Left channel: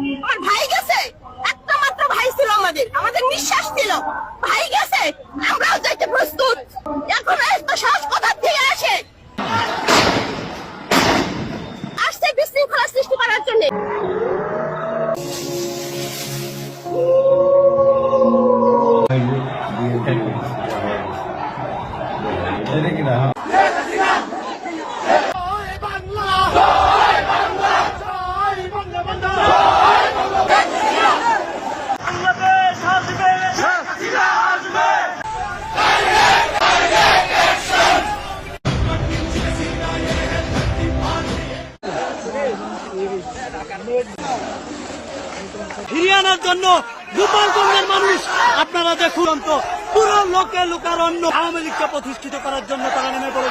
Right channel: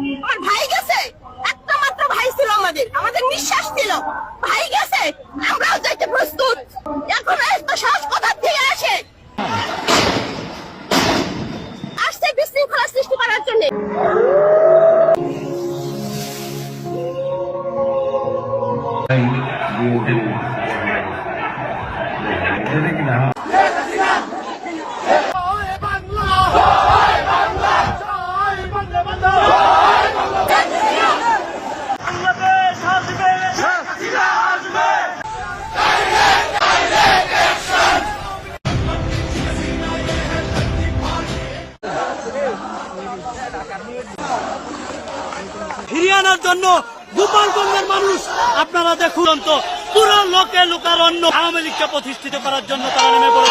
আমার ভাই গেছে একটা মাত্র ভাই ছিল আমাদের আমাদের নিঃশ্বাস ছিল ভাই গেছে আমরাও যাইতে প্রস্তুত এখন এত সাহস কোথা থেকে আসে আসছে বিশৃঙ্খলা সৃষ্টি করার জন্য ফিরিয়ে আনার জন্য গোপালগঞ্জের মানুষ, আপনারা দেখুন তো পুরো লোকে লোকারণ্য আওয়ামী লীগকে প্রতিষ্ঠিত করার জন্য তারা নেমে পড়ে